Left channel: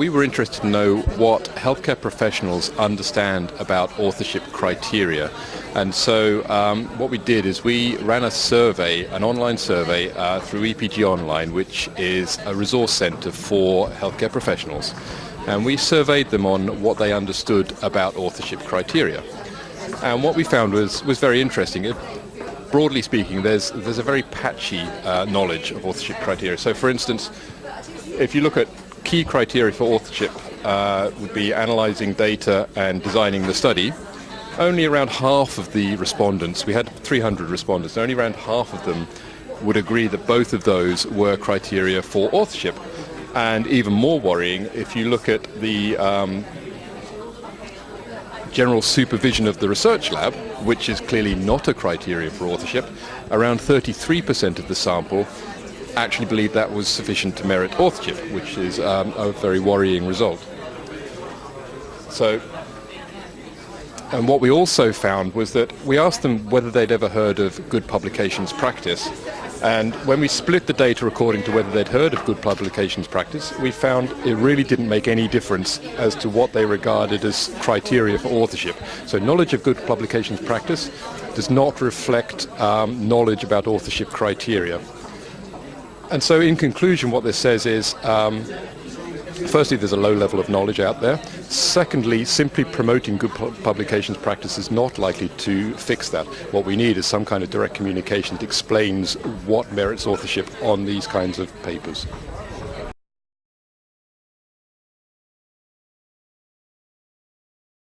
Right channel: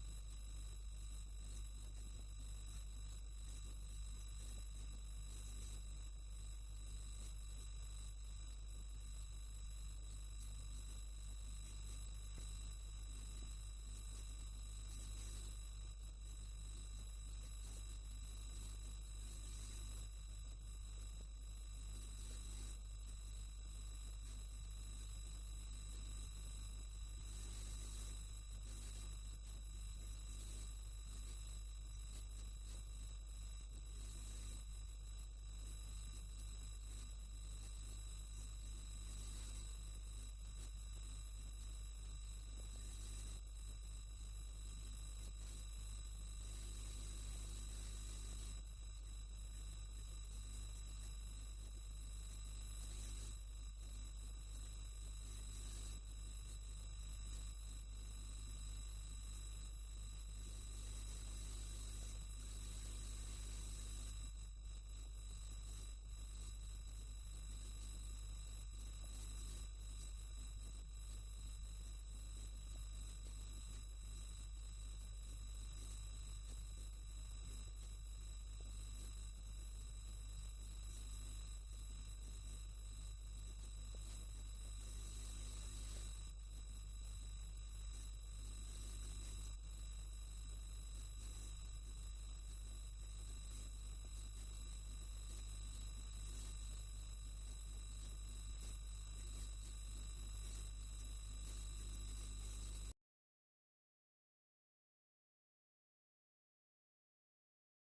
we were interested to know what healthcare professionals understand about authorship criteria. And so what we did is we ran a survey, an online survey through EPG Online, which is a resource center for healthcare professionals. And we surveyed them on what they understood about authorship criteria. And what we found was very interesting. Broadly speaking, there's a very patchy knowledge of authorship criteria. So for instance, if you look at key criteria for authorship, would be analyzing data and designing the study. Only around half of the respondents, we had 300 respondents, only around half of them would agree that both of those were criteria for authorship. And even more worrying, if you look at the general supervision of the research lab, which is clearly not a criteria for authorship, around 33% of the sample actually believed that was sufficient to merit authorship, which is a very worrying result. And what we also found was that we asked them whether they'd ever heard of good publications practice. And when we split the data according to whether they'd heard of good publications practice, we found it really didn't make any difference as to what they regarded as criteria for authorship. So knowledge of good publications practice does not reflect knowledge about authorship criteria. And so in conclusion, what this says is, firstly, there's a low level of knowledge out there. Secondly, simply promoting good publications practice is not likely to fix that. What we need is some kind of direct communication that explains what merits authorship on these kinds of papers.